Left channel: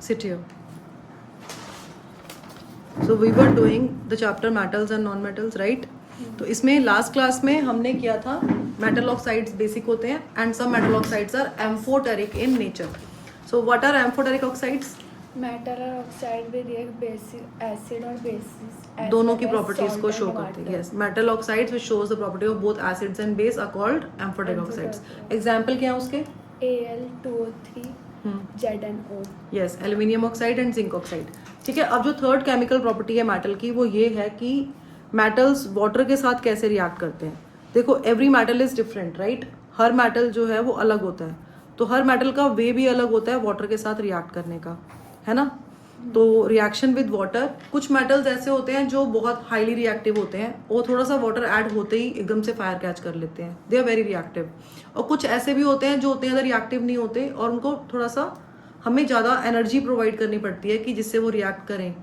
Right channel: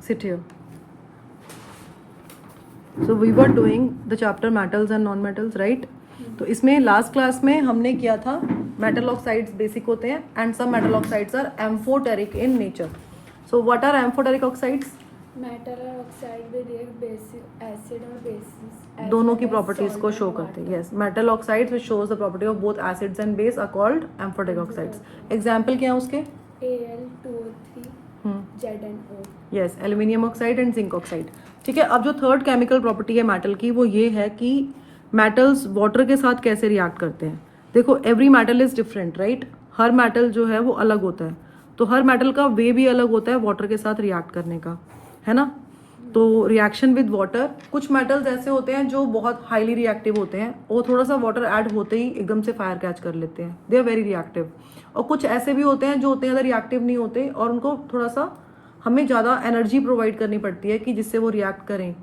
Sit here. So we were doing the chapter metals and non-metals, right? तो इसमें last class में हमने किया था मेटल ऑक्साइड्स बेसिक होते हैं and some metal oxides are amphoteric in nature. So what are amphoteric oxides? Metal और oxide में रिएक्ट बेसिक एसिड और बेसिस दोनों की प्रॉपर्टीज को शो करते हैं. Yes, metal oxides which shows the property of both acids and base are called amphoteric oxides. Example क्या है उसके? Al2O3 ZnO. Yes, aluminium oxide and zinc oxide. ठीक है, अब जो थर्ड केमिकल प्रॉपर्टी है मेटल की वो ये है कि मेटल्स वाटर के साथ कैसे रिएक्ट करते हैं. देखो, every metal is different, right? Her metal जो है वो अलग होता है, तो हर मेटल का वे भी अलग होता है वाटर के साथ रिएक्ट करने का, है ना? तो रिएक्शन विद वाटर, कुछ मेटल्स ऐसे होते हैं जो बहुत हाईली रिएक्टिव होते हैं, वो थोड़ा सा वाटर ऐड होते ही एकदम से फायर कैच कर लेते हैं, दे आर वेरी रिएक्टिव. और कुछ ऐसे भी होते हैं जो उतने ज़्यादा रिएक्टिव नहीं होते और उनको थोड़ा सा हमें ज़्यादा एनर्जी प्रोवाइड करनी पड़ती है कि जिससे वो रिएक्ट करें.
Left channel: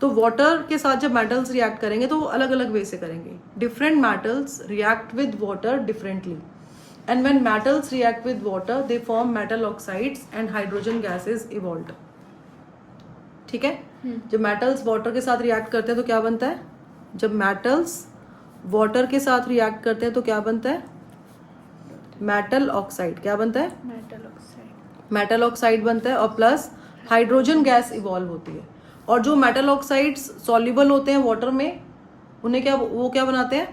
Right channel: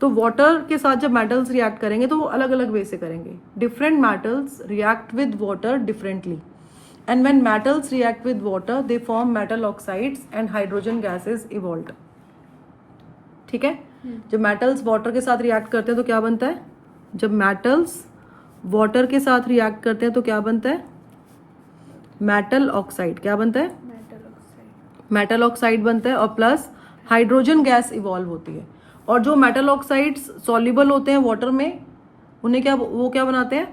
तो वाटर के साथ जब मेटल्स रिएक्ट करेंगे तो वो अलग अलग वे से करेंगे. Different metals react with water differently, and when metals react with water they form metal oxides and hydrogen gases evolved. ठीक है, जब मेटल्स वाटर के साथ रिएक्ट करते हैं तो क्या बनता है? जब मेटल्स वाटर के साथ रिएक्ट करते हैं तो क्या बनता है? Metal oxide. क्या बनता है? मेटल ऑक्साइड बनता है, और प्लस हाइड्रोजन गैस इवॉल्व होती है. और जो मेटल ऑक्साइड्स सॉल्युबल होते हैं वाटर में, उन्हें क्या बनाते हैं?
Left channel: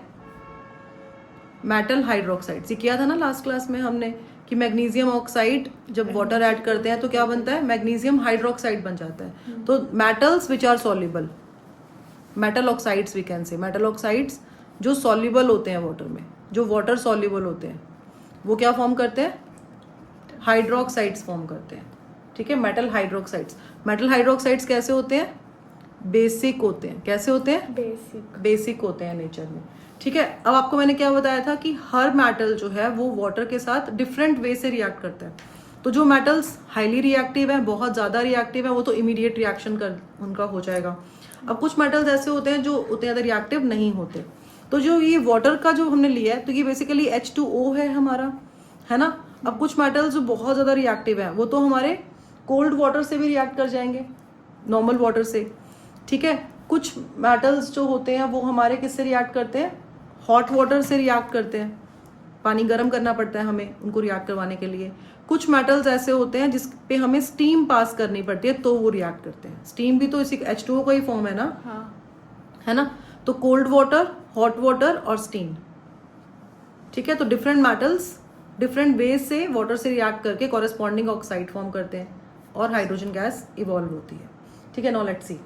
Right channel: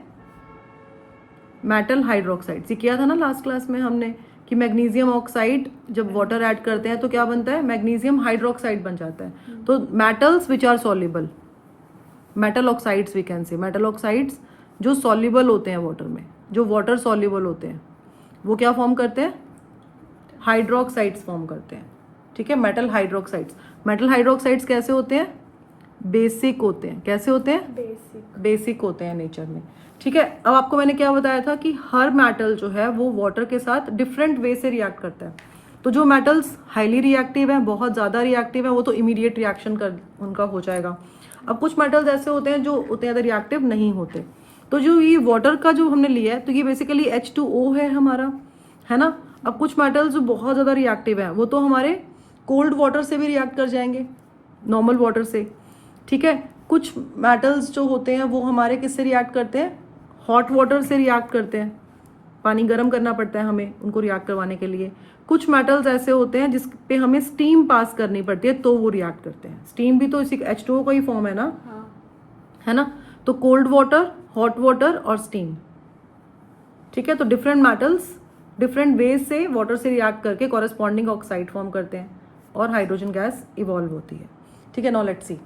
Metal hydroxide. किया था ना लास्ट क्लास में हमने कि मैग्नीशियम ऑक्साइड जब वाटर ऐड करते हैं तो क्या बनता है? मैग्नीशियम हाइड्रोक्साइड बन जाता है. तो metals which are soluble, metal oxides we can say, metal oxides जो सॉल्युबल होते हैं वाटर में, जो वाटर सॉल्युबल होते हैं, वो क्या फॉर्म करते हैं? हाइड्रोक्साइड्स फॉर्म करते हैं. ठीक है, मेटल हाइड्रोक्साइड्स. मेटल हाइड्रोक्साइड्स कैसे होते हैं? बेसिक होते हैं. कैसे होते हैं? बेसिक होते हैं नेचर में. ठीक है, अब आपको मैंने क्या बताया था कि हर मेटल जो है वो वाटर के साथ डिफरेंट वे से रिएक्ट करता है. तो जो मेटल्स हाईली रिएक्टिव है, बहुत ज़्यादा रिएक्टिव है, वो तो इमीडिएट रिएक्शन कर उनका हो जाएगा. अब कुछ मेटल्स ऐसे होते हैं जो उतने ज़्यादा रिएक्टिव नहीं होते. तो जो ये वाटर का जो हमने लिया है तो ये बेसिकली H2O है हमारा, है ना? अब कुछ मेटल्स जो बहुत ज़्यादा रिएक्टिव है वो तो हमारे कोल्ड वाटर से भी रिएक्ट कर जाएंगे, नॉर्मल वाटर से. ठीक है, कुछ मेटल्स जो होते हैं वो हमारे किससे रिएक्ट करते हैं? हॉट वाटर से रिएक्ट करते हैं. पानी गर्म करना पड़ता है हमें उनको रिएक्ट करवाने के लिए. कुछ मेटल्स ऐसे होते हैं जिस पे हमें स्टीम पास करनी पड़ती है तो वो रिएक्ट करते हैं. स्टीम भी तो इसी H2O का ही फॉर्म है ना? है ना? तो कोल्ड वाटर, हॉट वाटर और स्टीम. ठीक है, तो डिफरेंट मेटल्स डिफरेंट वेज से वाटर से रिएक्ट करके कॉरेस्पॉन्डिंग ऑक्साइड फॉर्म करते हैं और हाइड्रोजन गैस इवॉल्व होती है. ठीक है, नाउ लेट्स सी.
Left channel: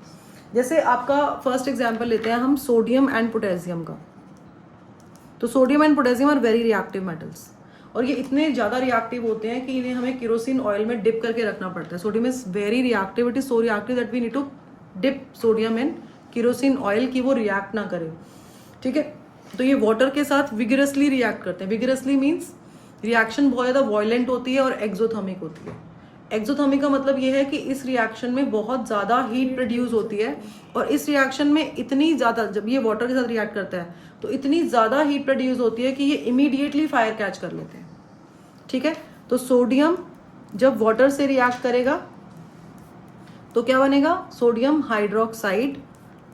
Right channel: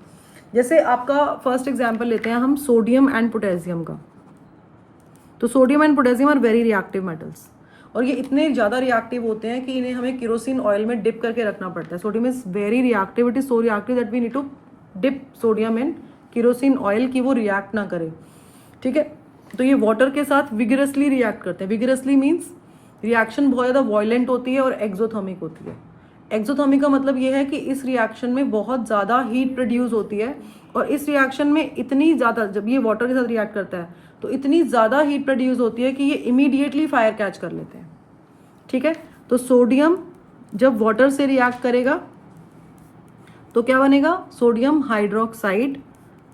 जैसे आपका फर्स्ट एग्जांपल लेते हैं हम सोडियम एंड पोटेशियम का. तो sodium and potassium are very reactive metals, और ये इतने ज़्यादा रिएक्टिव होते हैं कि इन्हें हमें केरोसिन ऑयल में डिप करके रखना पड़ता है. Sodium is very reactive, it is so reactive that we need to dip sodium in kerosene oil कि वो रिएक्ट ना करे. ठीक है, तो ये वाटर के साथ विगरसली रिएक्ट करते हैं. विगरसली मीन्स रिएक्शन बहुत ज़्यादा वायलेंट होती है और एक्सोथर्मिक होती है. एक्सोथर्मिक का मतलब ये है कि इस रिएक्शन में बहुत ज़्यादा हीट प्रोड्यूस होती है, और इस रिएक्शन में इतनी ज़्यादा, जब ये वाटर के साथ रिएक्ट करता है तो इतनी ज़्यादा हीट प्रोड्यूस होती है कि ये इमीडिएटली फायर कैच कर लेते हैं. ठीक है, तो सोडियम जब वाटर से रिएक्ट करेगा तो क्या बनेगा? Sodium hydroxide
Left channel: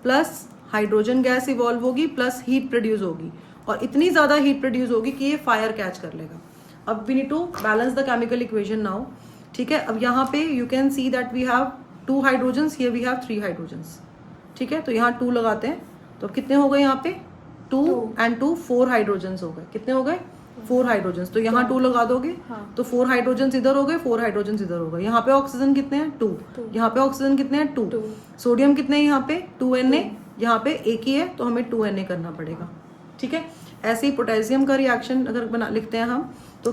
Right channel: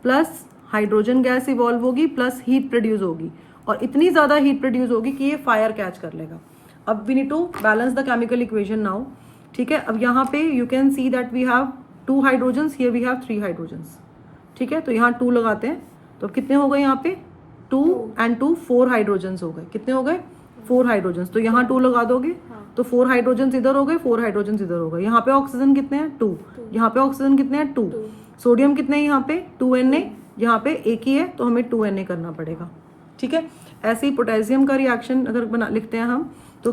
plus hydrogen gas evolve होगी प्लस हीट प्रोड्यूस होगी, और इतनी ज़्यादा हीट प्रोड्यूस होगी कि ये फायर कैच कर लेगा. अब we need to balance the chemical equation now. ठीक है, अब यहाँ पे you can see that we have 2 hydrogens, here we have 3 hydrogens. ठीक है, तो यहाँ 2 लगाते हैं तो कितने हो गए? यहाँ पे 2 and 2 4 हाइड्रोजन्स हो गए. कितने हो गए? 4 हाइड्रोजन्स. तो यहाँ 2 लगा दोगे तो 4 हाइड्रोजन्स इधर हो गए, 4 हाइड्रोजन्स इधर हो गए. यहाँ पे ऑक्सीजन कितने हैं? 2. यहाँ पे ऑक्सीजन कितने हैं? 2. सोडियम कितने हैं यहाँ पे? 2Na. यहाँ पे एक ही है तो हमें 2Na करना पड़ेगा. ठीक है, ऐसे ही पोटेशियम का रिएक्शन अगर लिखते हैं हम तो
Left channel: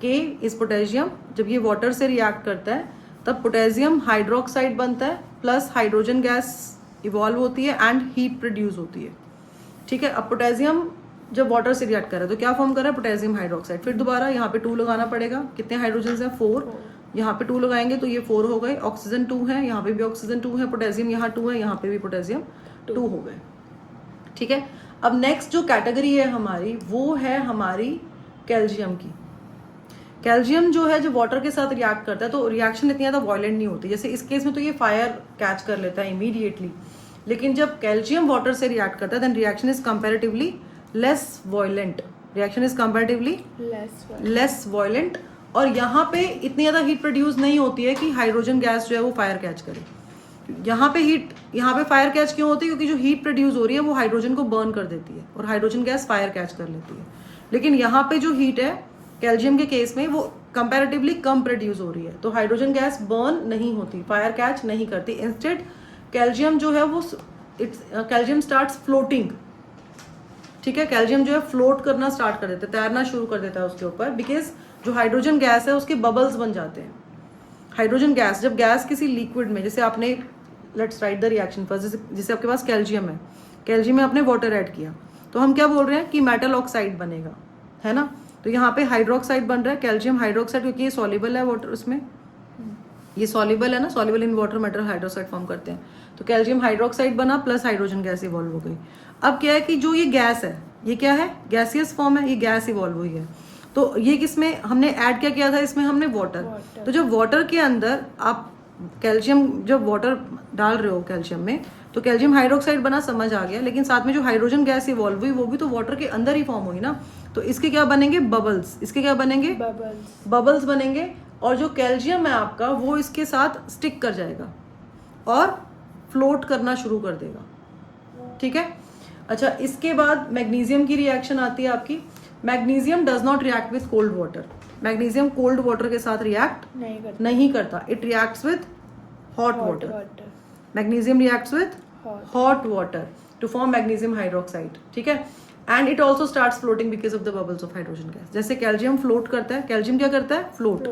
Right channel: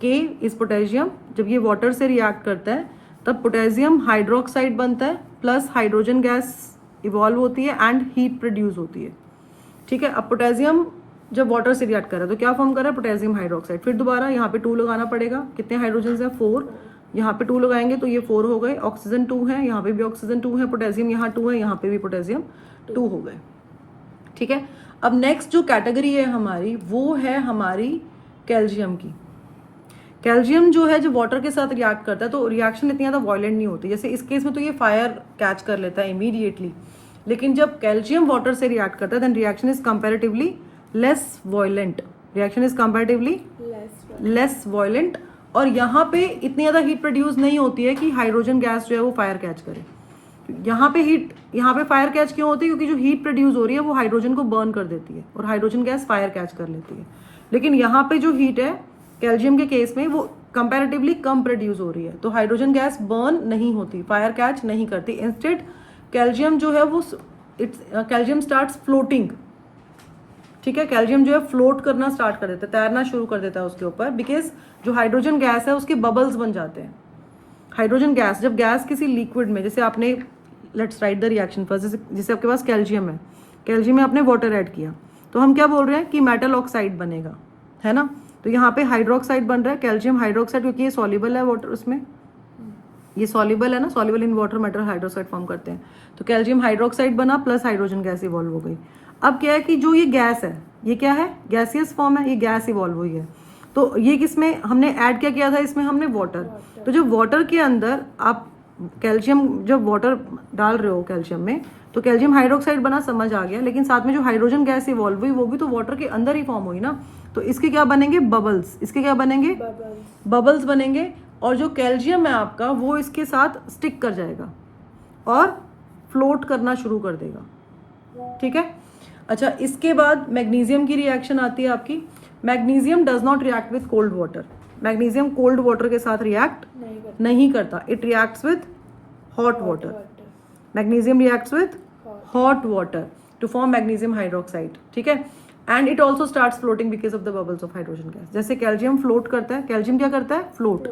K इज पोटेशियम. जब ये वाटर से रिएक्ट करता है तब पोटेशियम हाइड्रोक्साइड बनता है प्लस हाइड्रोजन गैस इवॉल्व होती है एंड हीट प्रोड्यूस होती है. ठीक है, अब पोटेशियम जब वाटर से रिएक्ट कर रहा है तो क्या फॉर्म कर रहा है? Potassium hydroxide. फिर दोबारा यहाँ पे 2 लगाना पड़ेगा. कितने हाइड्रोजन है? 4. यहाँ पे 2 लगाएंगे तो ये 4 हो गए. ऑक्सीजन 2 है, यहाँ पे भी ऑक्सीजन 2 है. पोटेशियम यहाँ 2 है, यहाँ पे भी पोटेशियम 2 हो गए. ठीक है, अब नेक्स्ट जो कैटेगरी है हमारी वो है हमारी कैल्शियम की. कैल्शियम जो है जब वाटर के साथ रिएक्ट करता है तो रिएक्शन इतनी ज़्यादा वायलेंट नहीं होती, जैसे इस केस में तो ये फायर कैच कर लेता है इमीडिएटली, लेकिन जब कैल्शियम वाटर से रिएक्ट करता है then reaction is comparatively less violent, reaction is comparatively less violent. और यहाँ पे इतनी ज़्यादा हीट प्रोड्यूस नहीं होती है कि हाइड्रोजन गैस जो है वो फायर कैच करे। यहाँ पे फायर कैच क्यों होती है, क्योंकि जो हीट प्रोड्यूस हो रही है वो हाइड्रोजन को बर्न कर देती है और हाइड्रोजन गैस फायर कैच कर लेती है। लेकिन यहाँ पे जो हीट है कैल्शियम के केस में वो कंपैरेटिवली कम प्रोड्यूस हो रही है, तो हाइड्रोजन गैस बर्न नहीं होती, फायर कैच नहीं करती। इंस्टेड कैल्शियम जो है वो कैल्शियम स्टार्ट्स फ्लोटिंग, ठीक है, कैल्शियम जो है फ्लोट करना स्टार्ट कर देता है, तैरना शुरू कर देता है उसके ऊपर, बिकॉज जो हाइड्रोजन गैस है उसके बबल्स बन जाते हैं। हाइड्रोजन गैस, जब गैस किसी लिक्विड में, जैसे आपने let's write the reaction first, जैसे आपके पास कैल्शियम है, कैल्शियम में आपने वाटर ऐड किया तो हम क्या बोल रहे हैं कि मेटल ऑक्साइड बनेगा, है ना। तो यहाँ पे हाइड्रोक्साइड बन रहा है, कैल्शियम हाइड्रोक्साइड, क्योंकि ये सॉल्युबल है वाटर, उसमें ये सॉल्युबल है ना, soluble in water metal hydroxide form करते हैं। तो कैल्शियम हाइड्रोक्साइड बना प्लस हाइड्रोजन गैस इवॉल्व हो गई। अब क्या है कि जो ये गैस है ये क्या है, गैसियस फॉर्म है, ये गैस इवॉल्व हुई है। तो ये किसमें हमने ऐड क्या किया था, इसमें हमने वाटर। तो जब वाटर के अंदर आप कैल्शियम, जब वाटर डाल रहे हो कैल्शियम में, तो कैल्शियम हाइड्रोक्साइड बना, समझ आ गया, लेकिन साथ में जो हाइड्रोजन गैस इवॉल्व हुई वो भी तो वाटर के अंदर ही फॉर्म हुई ना। तो इसके क्या बनेंगे, बबल्स, इसके क्या बनेंगे, बबल्स बनेंगे, और जो कैल्शियम है आपका वो इसके साथ स्टिक कर जाएगा और फ्लोट करना शुरू कर देगा, ठीक है। अच्छा, इसके बाद मैग्नीशियम की रिएक्शन आती है आपकी। Magnesium does not react with cold water, magnesium cold water के साथ रिएक्ट नहीं करता, it reacts with hot water. Magnesium reacts with hot water to form magnesium hydroxide, ठीक है। And it also starts floating because of the bubbles of hydrogen gas. जैसे calcium float करता है, calcium क्या करता है, फ्लोट,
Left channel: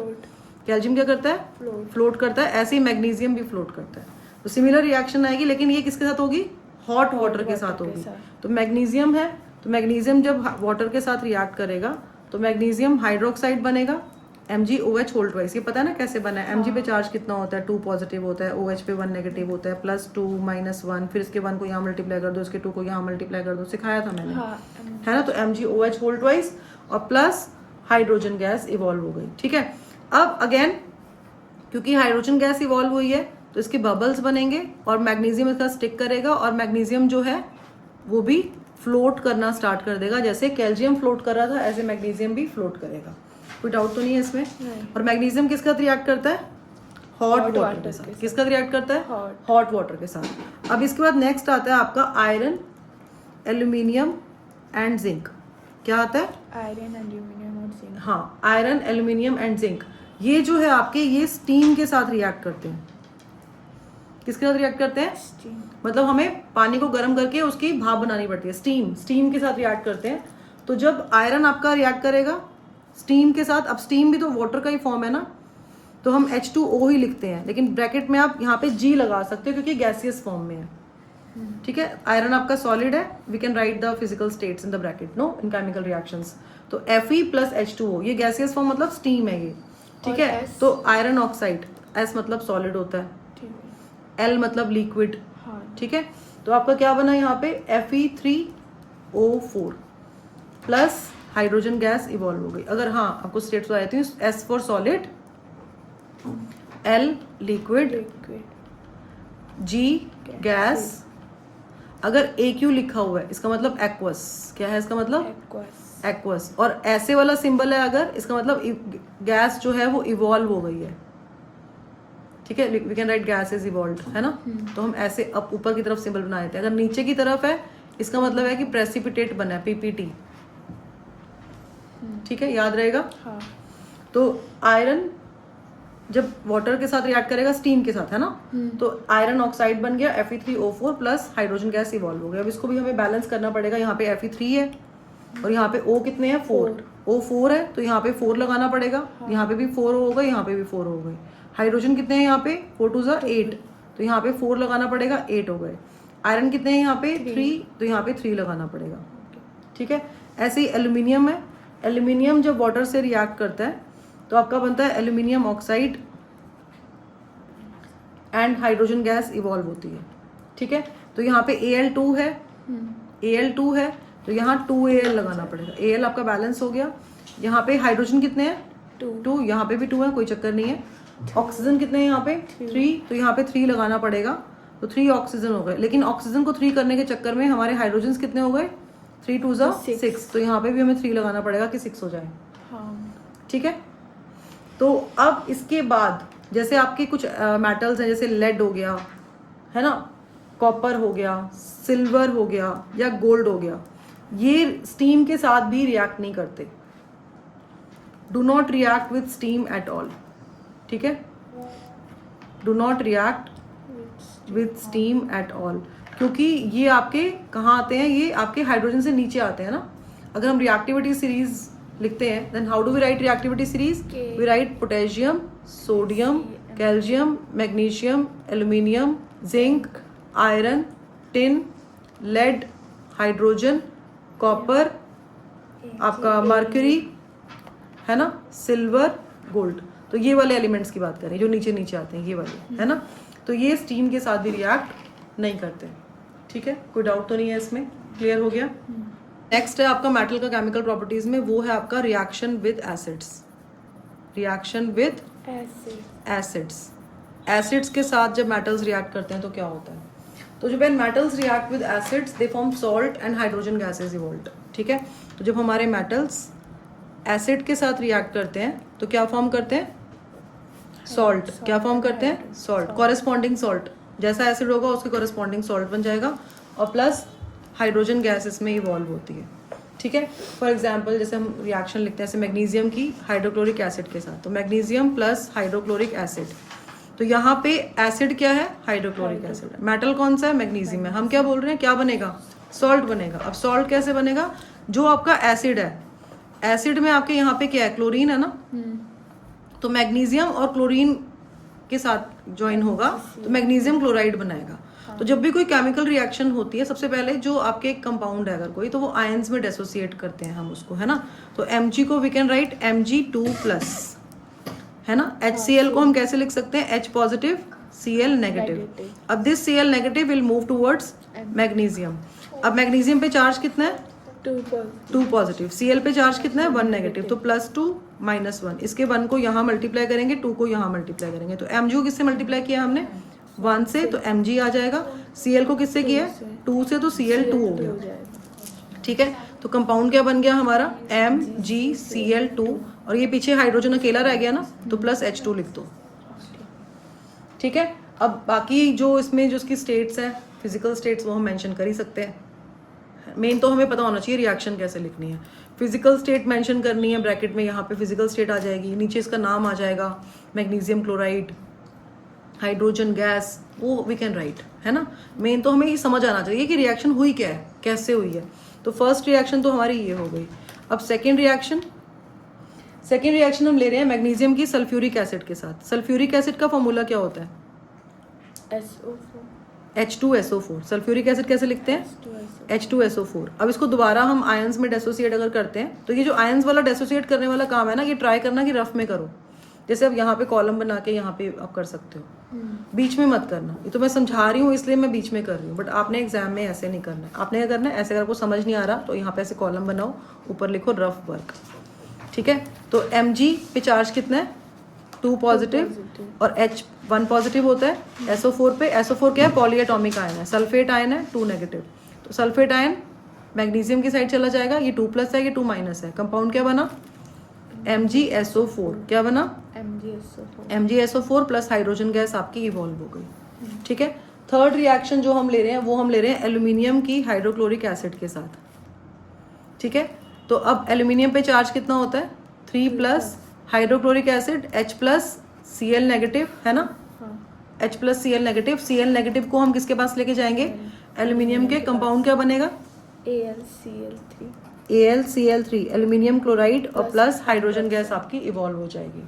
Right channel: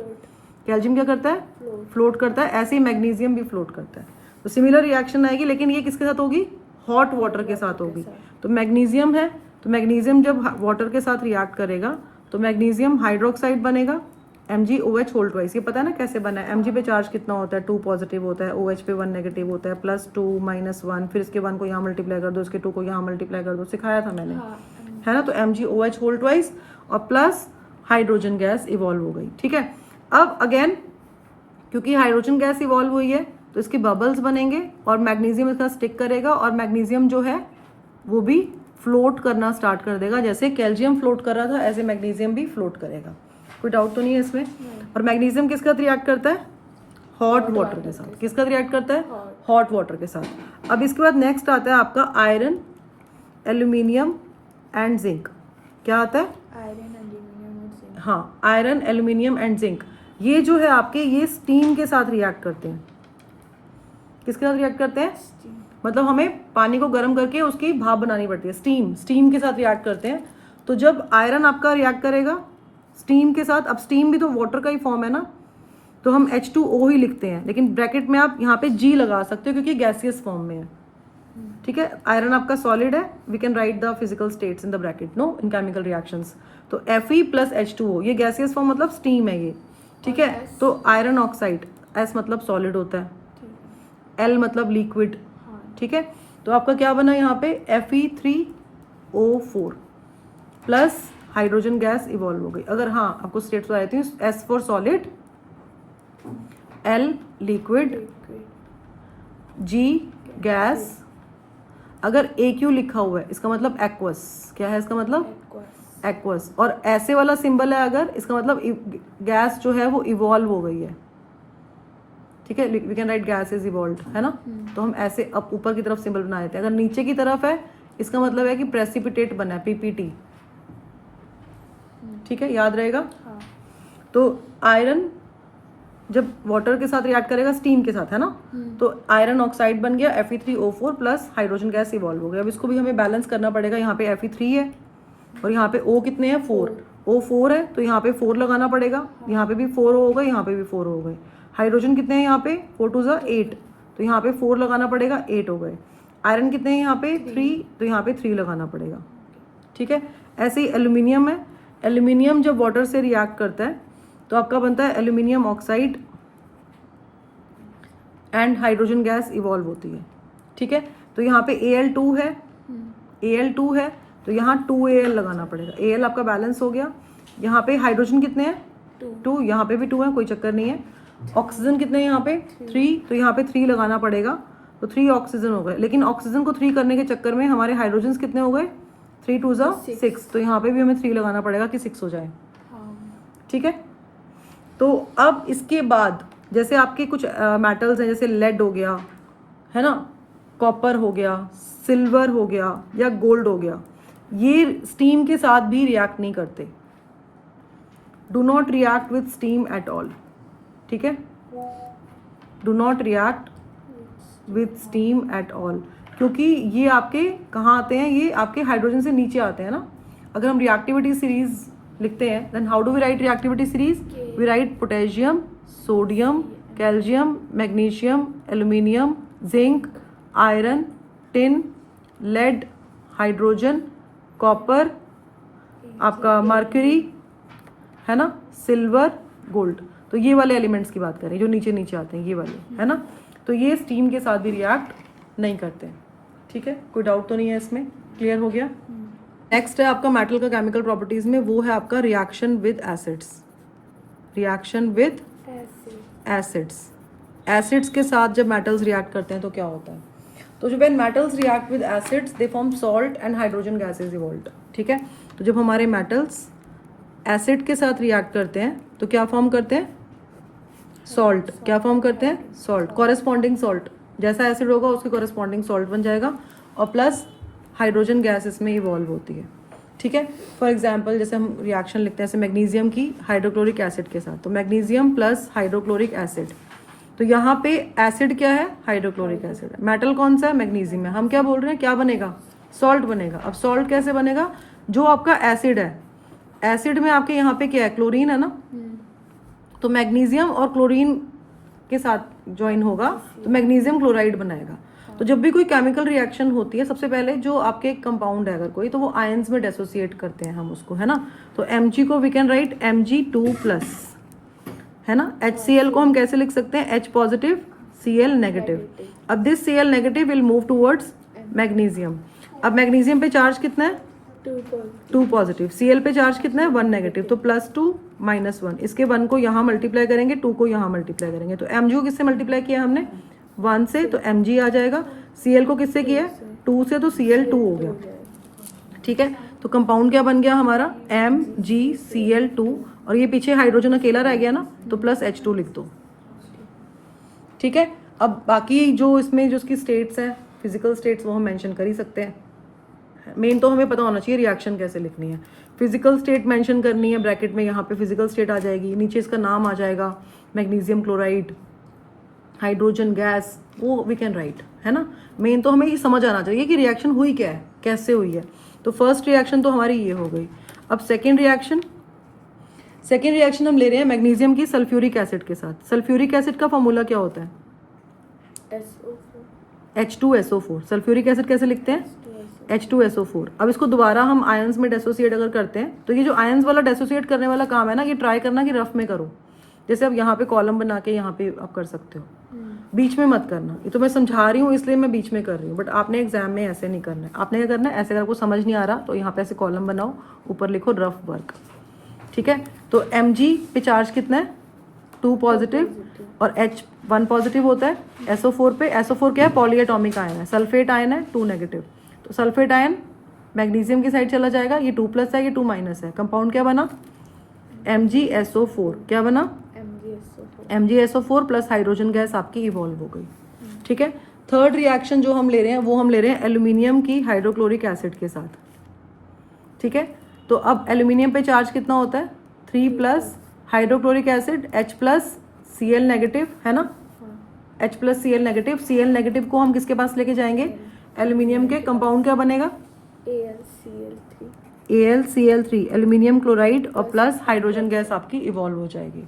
कैल्शियम क्या करता है, फ्लोट करता है, ऐसे ही मैग्नीशियम भी फ्लोट करता है। तो सिमिलर रिएक्शन आएगी, लेकिन ये किसके साथ होगी, हॉट वाटर के साथ होगी। तो मैग्नीशियम है, तो मैग्नीशियम जब वाटर के साथ रिएक्ट करेगा तो मैग्नीशियम हाइड्रोक्साइड बनेगा, MgOH होल ट्वाइस। ये पता है ना कैसे बना है, Mg पे चार्ज कितना होता है, 2 पॉजिटिव होता है, OH पे 1 नेगेटिव होता है, +2 -1, फिर इसके 1 को यहाँ मल्टीप्लाई कर दो, इसके 2 को यहाँ मल्टीप्लाई कर दो, सिखाया था मैंने, है ना। तो MgOH होल ट्वाइस और प्लस हाइड्रोजन गैस इवॉल्व हो गई, ठीक है। अब अगेन क्योंकि हाइड्रोजन गैस इवॉल्व हुई है तो इसके बबल्स बनेंगे और मैग्नीशियम इसका स्टिक करेगा, और मैग्नीशियम जो है वो भी फ्लोट करना स्टार्ट कर देगा। जैसे कैल्शियम फ्लोट कर रहा था ऐसे मैग्नीशियम भी फ्लोट करेगा, कोई डाउट तो नहीं है इसमें। और मैग्नीशियम किसके साथ रिएक्ट करता है, हॉट वाटर के साथ। किसका रिएक्ट करता है, हॉट वाटर के साथ। अब इसके बाद नेक्स्ट आता है आपका आयरन, एल्यूमिनियम एंड जिंक। क्या आता है, आयरन, एल्यूमिनियम और जिंक। हाँ, आयरन, एल्यूमिनियम एंड जिंक, ये जो है आपके, ये स्टीम के साथ रिएक्ट करते हैं। किसके साथ रिएक्ट करते हैं, मतलब हमें पानी को गर्म करके उसकी भाप बनानी पड़ती है, स्टीम के साथ रिएक्ट करते हैं। तो जब आयरन आपका रिएक्ट करेगा स्टीम के साथ, अब स्टीम भी तो वाटर का ही फॉर्म है ना, तो हम H2O ही लिखते हैं, लेकिन ब्रैकेट में आप यहाँ पे G लगा सकते हो क्योंकि गैसियस फॉर्म में है, ठीक है। आयरन आपका सॉलिड है, we can write the physical states in the bracket, no, in chemical reactions. तो Fe + H2O, ये गैसियस फॉर्म मतलब स्टीम है ये, ठीक है। तो आयरन ऑक्साइड, S मतलब सॉलिड होता है, L मतलब लिक्विड, ठीक है। तो आपका क्या बना यहाँ पे, Fe3O4 plus hydrogen gas evolve हो गई। अगर हाँ आपको स्टेट्स बताई थी, S for solid, L liquid, G gas, अगर AQ लिखा हुआ है इसका मतलब एक्वस, क्या है इसका मतलब, एक्वस, और ऐसे वाला सिंबल है अगर, इसका मतलब गैस जो है वो इवॉल्व हो गई है, ठीक है। We can write gas is evolve, है ना। तो हम ऐसे अब ऊपर की तरफ सिंबल बना देते हैं। अगर नीचे की तरफ है इसका मतलब है कि प्रेसिपिटेट बना है, PPT, ठीक है, याद रहेगा। तो आयरन जब वाटर के साथ रिएक्ट करेगा स्टीम के साथ, है ना, तो आयरन ऑक्साइड बन गया, Fe3O4 plus hydrogen gas evolve हो गया। अब इसको भी हमें बैलेंस करना पड़ेगा, यहाँ पे Fe3 है और यहाँ पे O कितने हैं, 4, O4 है तो यहाँ पे 4 लगाना पड़ेगा, यहाँ पे भी 4 होगा, यहाँ पे भी 4 हो गए। हाइड्रोजन कितने हैं यहाँ पे, 4 2 8, तो यहाँ पे 4 लगाना पड़ेगा, 8 हो गए। आयरन कितने हैं यहाँ पे, 3, तो यहाँ पे 3 लगाना पड़ेगा, ठीक है। ऐसे ही एल्यूमिनियम है, एल्यूमिनियम जब वाटर से रिएक्ट करता है तो आपका बनता है aluminium oxide and hydrogen gas evolve होती है, ठीक है। तो यहाँ पे Al2 है, Al2 है तो यहाँ 2Al लगाना पड़ेगा, Al आपका बैलेंस हो गया। यहाँ पे हाइड्रोजन कितने हैं, 2, यहाँ पे भी 2 है, कोई चक्कर नहीं है। ऑक्सीजन कितने हैं यहाँ पे 3, तो यहाँ पे 3 लगाना पड़ेगा, तो 3 ऑक्सीजन हो गए। लेकिन ऑक्सीजन को 3 करने के चक्कर में हमारे हाइड्रोजन कितने हो गए, 3 2 6, तो यहाँ पे भी हमें 3 लगाना पड़ेगा कि 6 हो जाए। ठीक है, तो अब इसके बाद जैसे आपके कुछ मेटल्स हैं, जैसे लेड हो गया है ना, कॉपर हो गया, सिल्वर हो गया या गोल्ड हो गया, ये स्टीम के साथ भी रिएक्ट नहीं करते। Do not react with steam at all. ठीक है, do not react with steam at all, क्योंकि ये आपके कहाँ आते हैं, ये आपके हाइड्रोजन से नीचे आते हैं ना। अगर हम रिएक्टिविटी सीरीज लिखते हैं, then how do we write reactivity series, we write potassium, sodium, calcium, magnesium, aluminium, zinc, iron, tin, lead, hydrogen, copper, आपका मर्क्यूरी है ना, सिल्वर, गोल्ड। तो ये वाले एलिमेंट्स की बात करें जो नीचे नीचे आते हैं, ये वाले है ना। तो ये स्टीम के साथ भी रिएक्ट नहीं करते। ठीक है, कोई डाउट तो नहीं है इसमें, क्लियर हो गया। नेक्स्ट है आपका मेटल का केमिकल प्रॉपर्टीज में, वो है आपका reaction with acids. Reaction with acids, acids के साथ जब मेटल्स रिएक्ट करते हैं तो क्या होता है, तो जब metals react with acids they form salt and hydrogen gases evolve. ठीक है, तो जब हमारे मेटल्स एसिड के साथ रिएक्ट करते हैं तो क्या फॉर्म करते हैं, सॉल्ट। क्या फॉर्म करते हैं, सॉल्ट, कॉरेस्पॉन्डिंग सॉल्ट। जैसा एसिड होगा उसके कॉरेस्पॉन्डिंग सॉल्ट बन जाएगा, और प्लस हाइड्रोजन गैस इसमें इवॉल्व होती है। ठीक है, फॉर एग्जांपल जैसे हम रिएक्शन लिखते हैं जैसे मैग्नीशियम की हाइड्रोक्लोरिक एसिड के साथ, तो मैग्नीशियम प्लस हाइड्रोक्लोरिक एसिड, तो यहाँ पे एसिड क्या है, हाइड्रोक्लोरिक एसिड, मेटल कौन सा है, मैग्नीशियम है। हम क्या बोल रहे हैं, क्या बनेगा, सॉल्ट बनेगा। अब सॉल्ट कैसे बनेगा, जो आपका एसिड है, एसिड में आपके यहाँ पे क्या है, क्लोरीन है ना, तो मैग्नीशियम और क्लोरीन के साथ ज्वाइन होगा तो मैग्नीशियम क्लोराइड बनाएगा। तो जब भी कोई केमिकल रिएक्शन होती है, सबसे पहले जो आपके कंपाउंड है अगर कोई, तो वो आयंस में डिसोसिएट करते हैं हम उसको, है ना। तो Mg को वी कैन राइट Mg2+, है ना। HCl को हम कैसे लिख सकते हैं, H पॉजिटिव Cl नेगेटिव। अब this Cl negative will move towards magnesium. अब मैग्नीशियम पे चार्ज कितना है, 2 पॉजिटिव, Cl पे चार्ज कितना है, 1 नेगेटिव, तो +2 -1, इसके 1 को यहाँ मल्टीप्लाई करेंगे, 2 को यहाँ मल्टीप्लाई करेंगे, तो Mg को किससे मल्टीप्लाई किया हमने, 1 से, तो Mg आ जाएगा। Cl को किससे किया, 2 से, तो Cl2 हो गया। ठीक है, तो कंपाउंड क्या बन गया हमारा, MgCl2, और ये पीछे हाइड्रोजन अकेला रह गया ना, तो +H2 लिख दो। ठीक है, अब बाकी जो इसमें जो उसकी स्टेट्स है, फिजिकल स्टेट्स, वो हम मेंशन कर ही सकते हैं। मेन तो हमें पता होना चाहिए रिएक्शन कैसे लिखनी है। फिजिकल स्टेट मेंशन करनी है, ब्रैकेट में यहाँ पे फिजिकल स्टेट आ जाएगी, नीचे इसका नाम आ जाएगा, मैग्नीशियम क्लोराइड, हाइड्रोजन गैस, वो वी कैन राइट, है ना। मेन तो हमें ये समझ आना चाहिए कि रिएक्शन हुई क्या है, कैसे हुई है। तो फर्स्ट रिएक्शन तो हमारी ये हो गई। अब सेकेंड रिएक्शन हम ले रहे हैं मैग्नीशियम की सल्फ्यूरिक एसिड के साथ। सल्फ्यूरिक एसिड का फॉर्मूला क्या होता है, H2SO4। सल्फ्यूरिक एसिड कैसे लिखते हैं, H2SO4। अब इसको दोबारा हम आयंस में डेसोसिएट अगर करते हैं, तो ये जो आयंस वाला डेसोसिएट करने वाला काम है ना, ये ट्राई करना कि रफ में करो। जैसे अब यहाँ पे कॉलम बना के यहाँ पे आप कर सकते हो, बीच में मत करना। ये तो मैं समझा रही हूँ इसलिए मैं बीच में कर रही हूँ, बट आपने एग्जाम में ऐसे नहीं करना है। आपने क्या करना है, ऐसे अगर को समझ नहीं आ रहा तो यहाँ पे ऐसे कॉलम बनाओ, ऊपर लिखो रफ वर्क। ठीक है, तो Mg पे चार्ज कितना है, 2 पॉजिटिव, और H1 पॉजिटिव होता है। SO4 पे, SO4 क्या है, पॉलीएटॉमिक आयन है, सल्फेट आयन है, 2 नेगेटिव, तो सल्फेट आयन मैग्नीशियम की साइड चला जाएगा, ये 2+ है, ये 2- है, कंपाउंड क्या बना, MgSO4। क्या बना, MgSO4 प्लस हाइड्रोजन गैस आपकी इवॉल्व हो गई। ठीक है, थर्ड रिएक्शन जो हम ले रहे हैं वो हम ले रहे हैं एल्यूमिनियम की हाइड्रोक्लोरिक एसिड के साथ। ठीक है, तो अब एल्यूमिनियम पे चार्ज कितना होता है, 3+, हाइड्रोक्लोरिक एसिड H+Cl नेगेटिव, है ना, H+Cl नेगेटिव। Cl नेगेटिव को हम किसके पास लेके जाएंगे, एल्यूमिनियम के, कंपाउंड क्या बनेगा, AlCl3, एल्यूमिनियम क्लोराइड, और प्लस हाइड्रोजन गैस आपकी इवॉल्व हो जाएगी।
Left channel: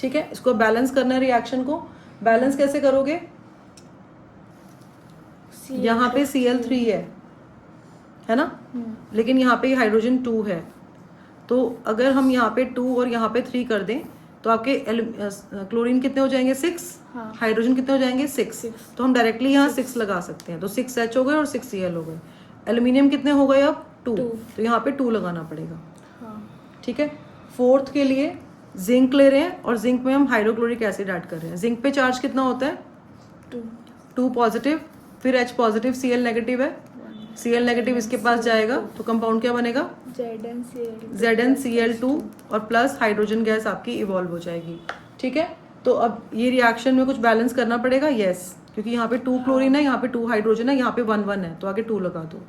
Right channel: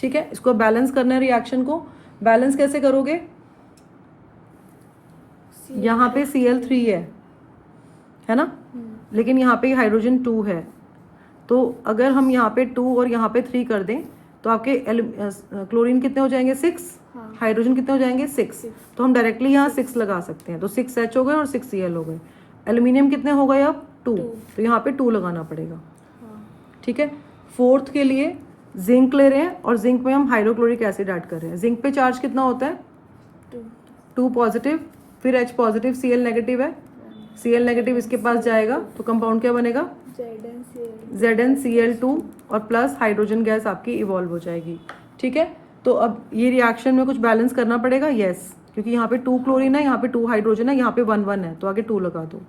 ठीक है, इसको बैलेंस करना है, रिएक्शन को बैलेंस कैसे करोगे, यहाँ पे Cl3 है ना, लेकिन यहाँ पे हाइड्रोजन 2 है, तो अगर हम यहाँ पे 2 और यहाँ पे 3 कर दें तो आपके क्लोरीन कितने हो जाएंगे, 6, हाइड्रोजन कितने हो जाएंगे, 6, तो हम डायरेक्टली यहाँ 6 लगा सकते हैं, तो 6H हो गए और 6Cl हो गए। एल्यूमिनियम कितने हो गए अब, 2, तो यहाँ पे 2 लगाना पड़ेगा। ठीक है, फोर्थ के लिए जिंक ले रहे हैं और जिंक में हम हाइड्रोक्लोरिक एसिड ऐड कर रहे हैं। जिंक पे चार्ज कितना होता है? 2 पॉजिटिव, फिर H पॉजिटिव, Cl नेगेटिव है, Cl नेगेटिव इसके पास जाएगा तो कंपाउंड क्या बनेगा? ZnCl2 और प्लस हाइड्रोजन गैस आपकी इवॉल्व हो जाएगी। ठीक है, तो अब ये रिएक्शन में कुछ बैलेंस करना पड़ेगा। यस, क्योंकि यहाँ पे 2 क्लोरीन है, यहाँ पे 2 हाइड्रोजन है, यहाँ पे 1 1 है, तो आगे 2 लगा दो,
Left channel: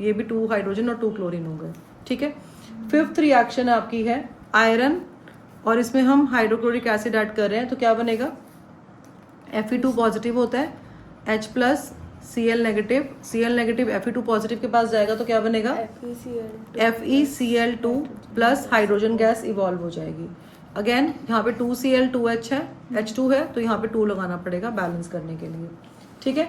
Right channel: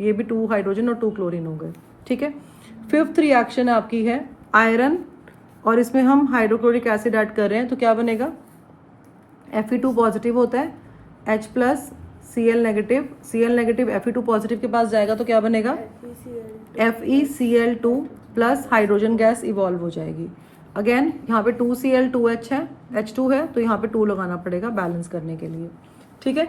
ये भी 2 हाइड्रोजन और 2 क्लोरीन होगा। ठीक है, 5th रिएक्शन आपकी है आयरन, और इसमें हम हाइड्रोक्लोरिक एसिड ऐड कर रहे हैं, तो क्या बनेगा? Fe2 पॉजिटिव होता है, H plus Cl negative, Cl negative Fe2 positive के पास जाएगा तो क्या बनेगा? FeCl2 plus hydrogen gas evolve हो जाएगी। अगेन यहाँ पे 2Cl2H है, H2 है, तो यहाँ पे 2 लगाना पड़ेगा बैलेंस करने के लिए। ठीक है,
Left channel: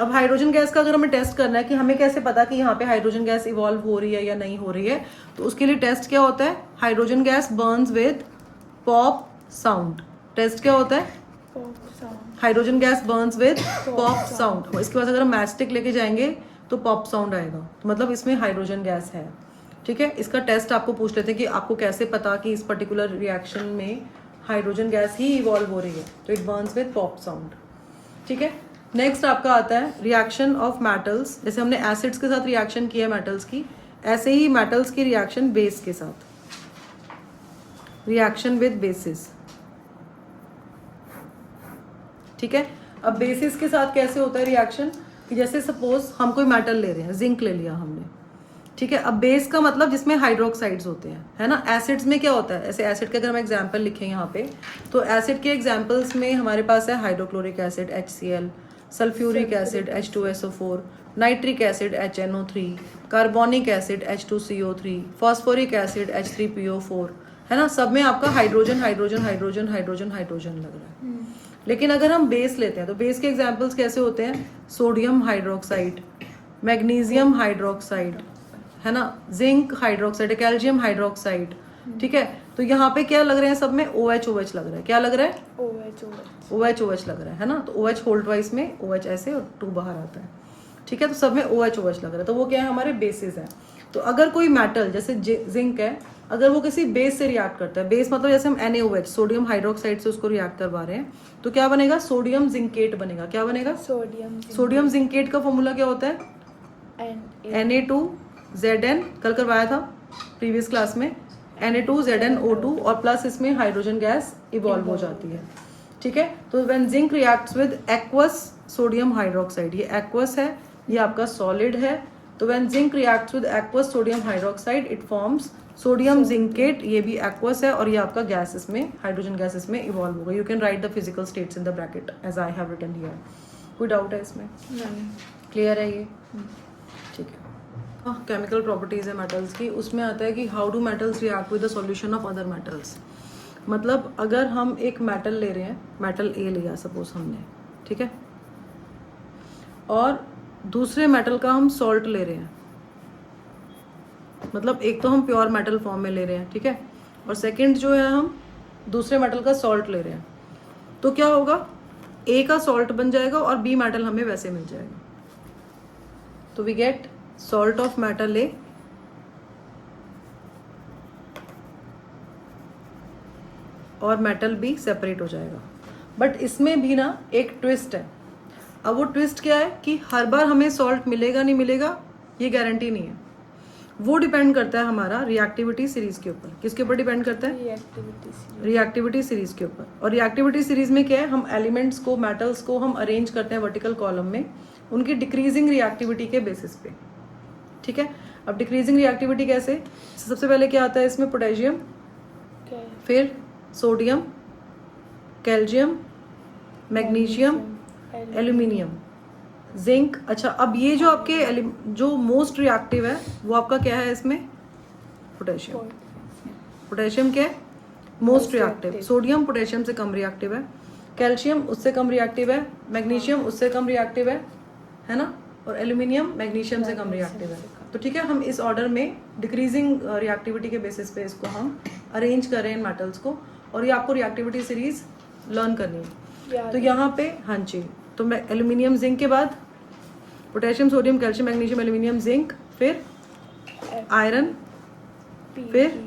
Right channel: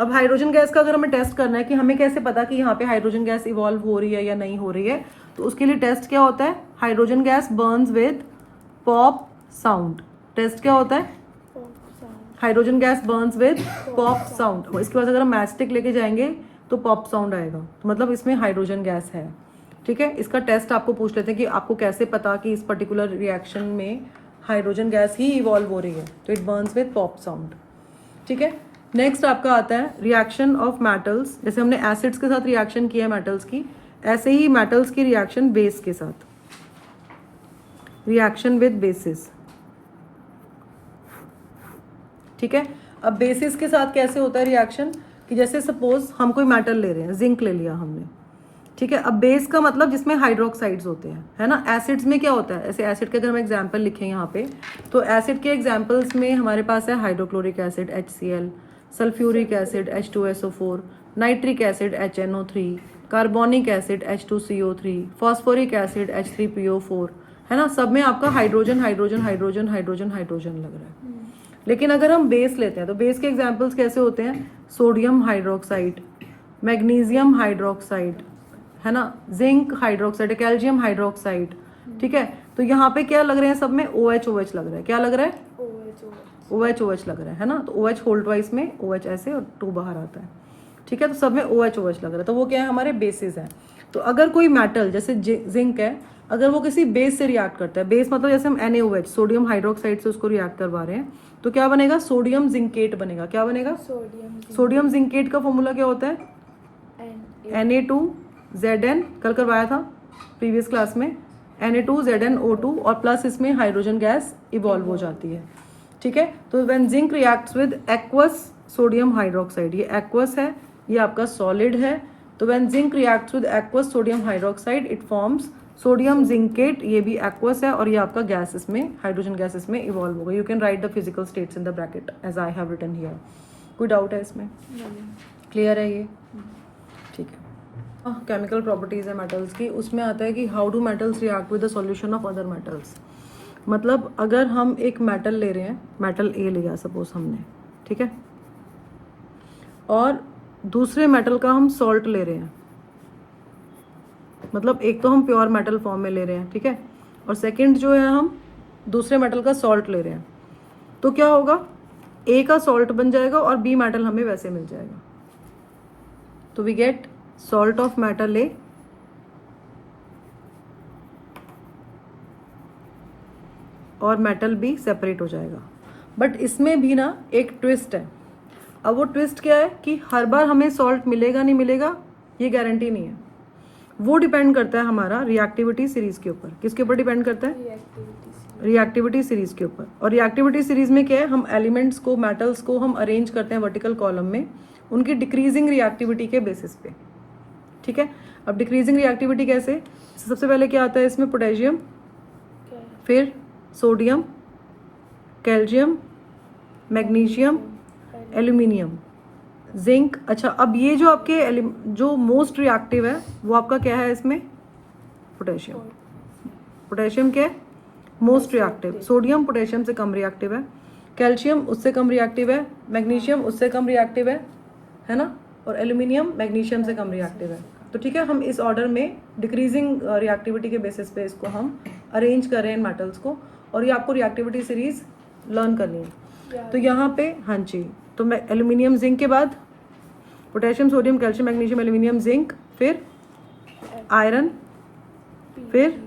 अब हाइड्रोजन गैस का अगर हमें टेस्ट करना है कि हमें कैसे पता कि यहाँ पे हाइड्रोजन गैस इवॉल्व हो रही है या नहीं हो रही है, तो उसके लिए टेस्ट क्या होता है? Hydrogen gas burns with pop sound. Test क्या होता है? Hydrogen gas burns with pop sound. इसके पास अगर हम मैचस्टिक लेके जाएंगे तो पॉप साउंड आएगा, तो मतलब इसमें हाइड्रोजन गैस है। ठीक है, इसका टेस्ट आपको पूछ लेते हैं कि आपको कैसे पता कि इस पर्टिकुलर रिएक्शन में हाइड्रोजन गैस ही इवॉल्व हो रही है, तो it Burns with pop sound. ठीक है, नेक्स्ट आपका आता है रिएक्शन ऑफ मेटल्स। जैसे हमने एसिड्स के साथ रिएक्शन किया मेटल्स की, ऐसे ही मेटल्स की रिएक्शन बेस के साथ, रिएक्शन विद बेसिस। ठीक है, अब बेसिस के साथ कैसे होता है रिएक्शन कि जैसे सपोज हम कोई मेटल ले रहे हैं, जिंक ले लिया हमने। ठीक है, अब बेस का मतलब जिसमें हाइड्रोक्साइड्स होते हैं, है ना। एसिड्स में क्या होता है? ऐसे एसिड के अगर हम एग्जांपल लिखें यहाँ पे, तो एसिड के एग्जांपल्स में हमारे पास है hydrochloric acid HCl, sulphuric acid H2SO4, nitric acid HNO3, carbonic acid H2CO3, phosphoric acid H3PO4, है ना। सब में आपका hydrogen hydrogen hydrogen hydrogen hydrogen लग रहा है। लेकिन अगर हम बेस लेते हैं तो बेस के एग्जांपल्स कैसे होते हैं? सोडियम हाइड्रोक्साइड, मैग्नीशियम हाइड्रोक्साइड, है ना, जिंक हाइड्रोक्साइड, कैल्शियम हाइड्रोक्साइड। ठीक है, तो यहाँ पे क्या लग रहे हैं? सब में OH OH लग रहा है। क्या लग रहा है? OH OH लग रहा है ना। तो OH होल्ड वाइज में OH ऐसे और 2 बाहर आता है। ठीक है, तो सब में OH OH लग रहा है, तो वो क्या है? हमारे बेसिस है। तो अगर कोई मेटल जैसे जिंक है, अगर वो किसी बेस से रिएक्ट करता है, बेस मतलब जैसे हम NaOH सोडियम हाइड्रोक्साइड से उसको रिएक्ट करवा रहे हैं, तो क्या बनेगा? सोडियम जिंकेट बनेगा। क्या बनेगा? सोडियम जिंकेट का फॉर्मूला क्या होता है? Na2Zn, कल करवाया था प्रीवियस क्लास में, Na2ZnO2 और प्लस इसमें हाइड्रोजन गैस इवॉल्व हो जाती है। ठीक है, तो when zinc reacts with aqueous sodium hydroxide, ये एक्वस है, ये आपका सॉलिड है, तो when zinc reacts with aqueous sodium hydroxide it forms sodium zincate, ये भी एक्वस है, और ये आपका गैस इसमें हाइड्रोजन गैस इसमें इवॉल्व होगा। You can write the physical states in the bracket as I have written here. कोई डाउट है इसमें? क्लियर है ये? ठीक है, केमिकल प्रॉपर्टीज है मेटल्स की, उसमें आता है कि how do metals react with the solution of other metals. मतलब अगर हम एक मेटल ले रहे हैं, मेटल A लिया सपोज हमने, ठीक है, और दूसरे मेटल का हम सॉल्ट ले रहे हैं, मतलब एक तो हम प्योर मेटल फॉर्म में ले रहे हैं, ठीक है, और सेकंड जो है हम दूसरे मेटल का सॉल्ट ले रहे हैं, तो क्या होगा? A का सॉल्ट बन जाएगा और B मेटल हमें वैसे मिल जाएगा, तो we get salt of metal A और मेटल B सेपरेट हो जाएगा। बट इसमें भी ना एक ट्विस्ट है। अब वो ट्विस्ट क्या है कि हर बार हमें सॉल्ट मिलेगा नहीं मिलेगा ये गारंटी नहीं है। वो डिपेंड करता है हमारा रिएक्टिविटी सीरीज के ऊपर। किसके ऊपर डिपेंड करता है? रिएक्टिविटी सीरीज के ऊपर। और रिएक्टिविटी सीरीज में क्या है? हम एलिमेंट्स को, मेटल्स को हम अरेंज करते हैं वर्टिकल कॉलम में उनकी डिक्रीजिंग रिएक्टिविटी के बेसिस पे। ठीक है, अब डिक्रीजिंग रिएक्टिविटी कैसे? सबसे पहले क्या आता है इसमें? पोटेशियम, फिर sodium, calcium, magnesium, aluminium, zinc. अच्छा, अब ये जो आपके जो मोस्ट रिएक्टिव है वो आपका क्या है इसमें? पोटेशियम। पोटेशियम क्या है? Most reactive. सोडियम पोटेशियम से कम रिएक्टिव है, कैल्शियम उससे कम रिएक्टिव है, मैग्नीशियम उससे कम रिएक्टिव है ना, और एल्यूमिनियम मैग्नीशियम से कम रिएक्टिव है। तो ठीक है, हम इस ऑर्डर में डिक्रीजिंग रिएक्टिविटी के बेसिस पे इसको हम अरेंज कर रहे हैं मेटल्स को, और ये आपको रिएक्टिविटी सीरीज लर्न करनी है। तो यहाँ पे हाँ जी, तो मैं एल्यूमिनियम जिंक के बाद potassium, sodium, calcium, magnesium, aluminium, zinc, फिर आयरन, फिर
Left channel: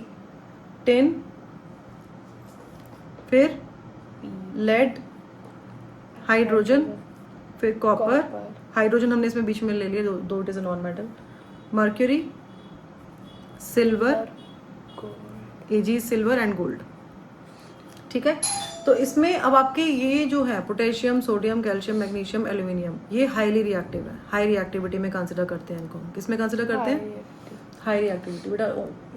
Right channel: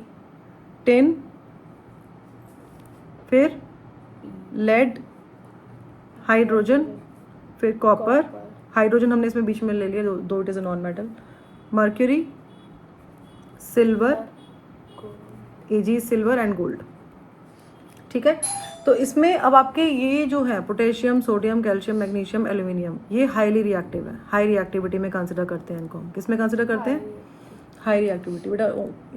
टिन, फिर लेड, हाइड्रोजन, फिर कॉपर, हाइड्रोजन हमने इसमें बीच में ले लिया, दो it is a non metal, mercury, silver, AG silver and gold. ठीक है, तो इसमें अब आपके ये जो है potassium, sodium, calcium, magnesium, aluminium, ये हाईली रिएक्टिव है, हाई रिएक्टिविटी में कंसिडर करते हैं इनको। किसमें कंसिडर करते हैं? High reactivity. बेटा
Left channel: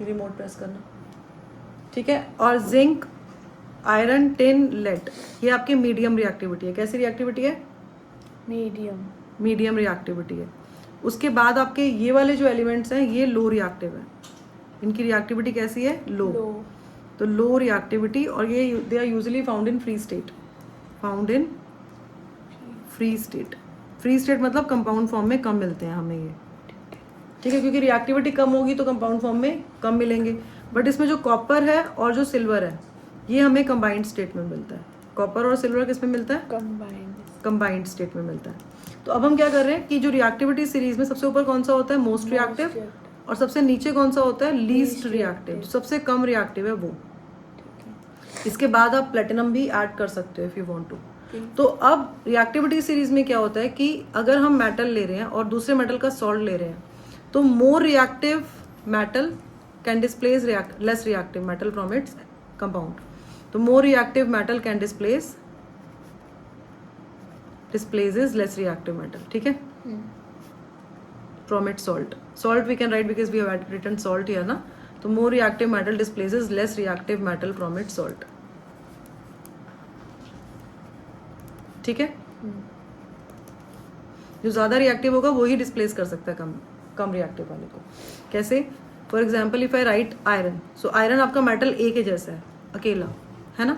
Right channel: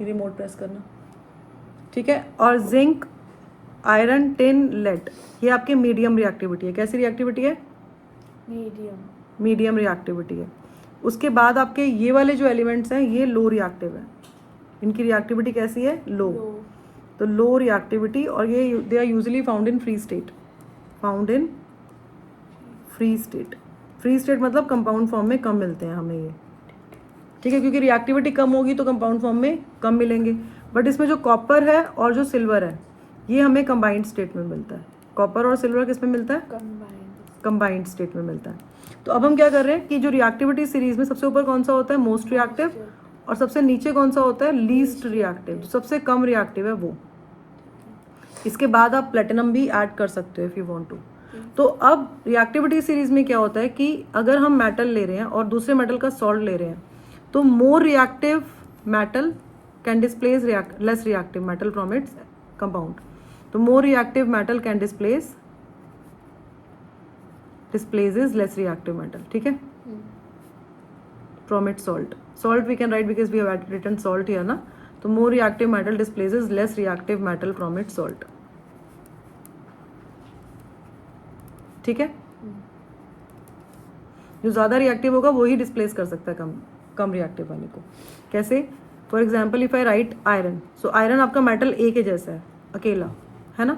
रिमोट प्रेस करना। ठीक है, और जिंक, आयरन, टिन, लेड, ये आपकी मीडियम रिएक्टिविटी है। कैसी रिएक्टिविटी है? मीडियम रिएक्टिविटी है। उसके बाद आपके ये वाले जो एलिमेंट्स हैं ये लो रिएक्टिव है, इनकी रिएक्टिविटी कैसी है? लो। तो लो रिएक्टिविटी, और ये they are usually found in free state, found in free state. Free state मतलब कंपाउंड फॉर्म में कम मिलते हैं हमें ये। ठीक है, क्योंकि रिएक्टिविटी कम होगी तो कंपाउंड फॉर्म में कम मिलेंगे। बट इसमें जो कॉपर है और जो सिल्वर है ये हमें कंबाइंड स्टेट में मिलता है। कॉपर और सिल्वर किस में मिलता है? कंबाइंड स्टेट में मिलता है। तो अब हम क्या कर रहे हैं कि जो रिएक्टिविटी सीरीज में सबसे ऊपर कौन सा होता है? मोस्ट रिएक्टिव, और सबसे नीचे कौन सा होता है? लीस्ट रिएक्टिव, जो सबसे कम रिएक्टिव है वो। इसके बाद आप प्लेटिनम भी ऐड कर सकते हो इफ यू वांट टू। तो अब रिएक्टिविटी सीरीज में क्या होता है कि अगर हम मेटल ले रहे हैं और दूसरे मेटल का सॉल्ट ले रहे हैं तो more reactive metal can displace less reactive metal from its compound. तो more reactive metal can displaces less reactive metal. ठीक है, from its salt we can write because we have written salt here ना। तो more reactive metal displaces less reactive metal from its salt। ठीक है, जो ज्यादा reactive होगा वही डिस्प्लेस कर सकता है कम रिएक्टिव वाले को। कैसे? For example if I write iron, so iron आपका मेटल ए के जैसा है, अकेला है ना,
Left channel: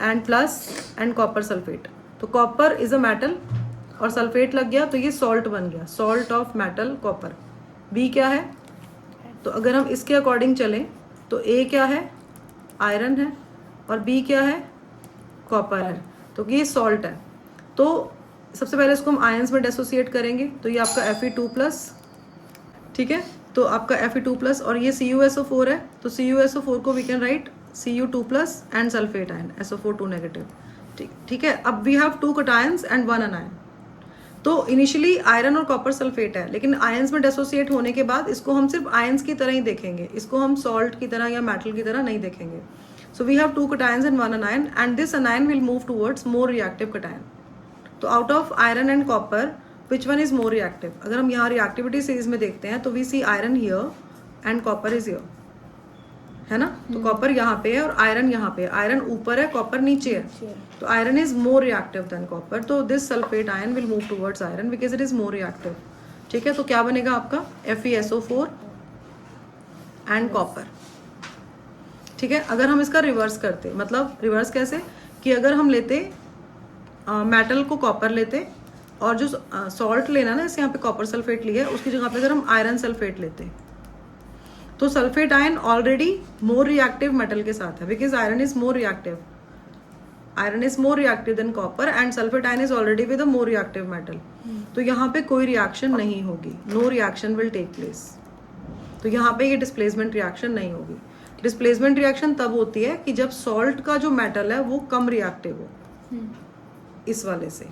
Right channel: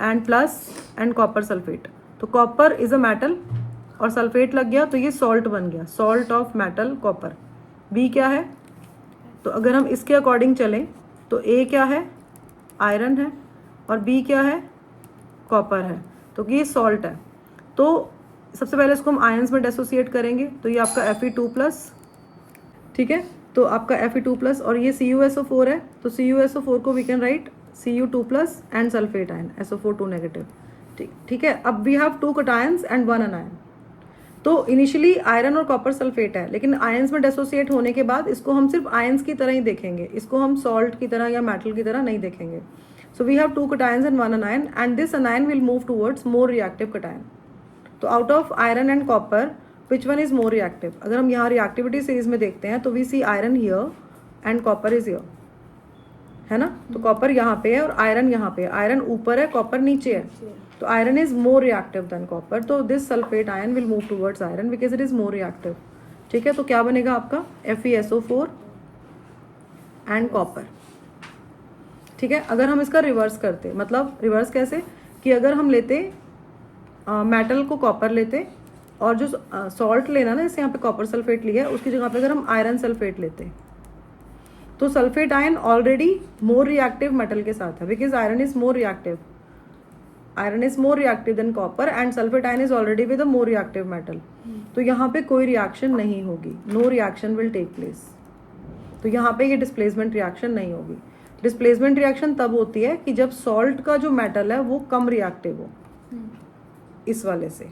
and plus and copper sulphate. तो कॉपर इज अ मेटल और सल्फेट लग गया तो ये सॉल्ट बन गया, salt of metal copper. B क्या है? तो अगर हम इसके अकॉर्डिंग चलें तो ए क्या है? आयरन है, और बी क्या है? कॉपर है। तो ये सॉल्ट है। तो सबसे पहले इसको हम आयंस में डिसोसिएट करेंगे, तो ये आपका Fe2+, ठीक है, तो आपका Fe2+ और ये CuSO4 है, तो CuSO4 को we can write Cu2+ and sulphate ion SO4 2-। ठीक है, अब we have 2 cations and 1 anion. तो इनिशियली आयरन और कॉपर सल्फेट है, लेकिन आयंस में डिसोसिएट होने के बाद इसको हम सिर्फ आयंस की तरह ही देखेंगे, इसको हम सॉल्ट की तरह या मेटल की तरह नहीं देखेंगे। So we have 2 cations and 1 anion, and this anion will move towards more reactive cation. तो out of iron and copper which one is more reactive? अगर हम यहाँ रिएक्टिविटी सीरीज में देखते हैं तो we see iron here and copper is here, है ना। तो कॉपर यहाँ पे है और आयरन यहाँ पे है, आयरन ऊपर है, कॉपर नीचे है। तो iron is more reactive than copper, तो this sulphate ion will move towards iron because it is more reactive. ठीक है, तो क्या बनेगा आपका FeSO4 एंड कॉपर। ठीक है, अगर हम इसका रिवर्स करते, मतलब रिवर्स कैसे कि अगर हम लेते मेटल को कॉपर लेते और जो सॉल्ट लेना ना, जैसे यहाँ पे कॉपर सल्फेट लिया है उसकी जगह पे अगर हम आयरन सल्फेट लेते तो sulphate ion already more reactive metal के साथ है because iron is more reactive, iron is more reactive than copper and sulphate ion is already with a more reactive metal. तो यहाँ पे कोई रिएक्शन नहीं होगी, no reaction will take place. तो यहाँ पे ये डिस्प्लेसमेंट रिएक्शन नहीं होगी। डिस्प्लेसमेंट रिएक्शन तब होती है कि जब सॉल्ट का जो मेटल है वो कम रिएक्टिव हो, इस वाले से।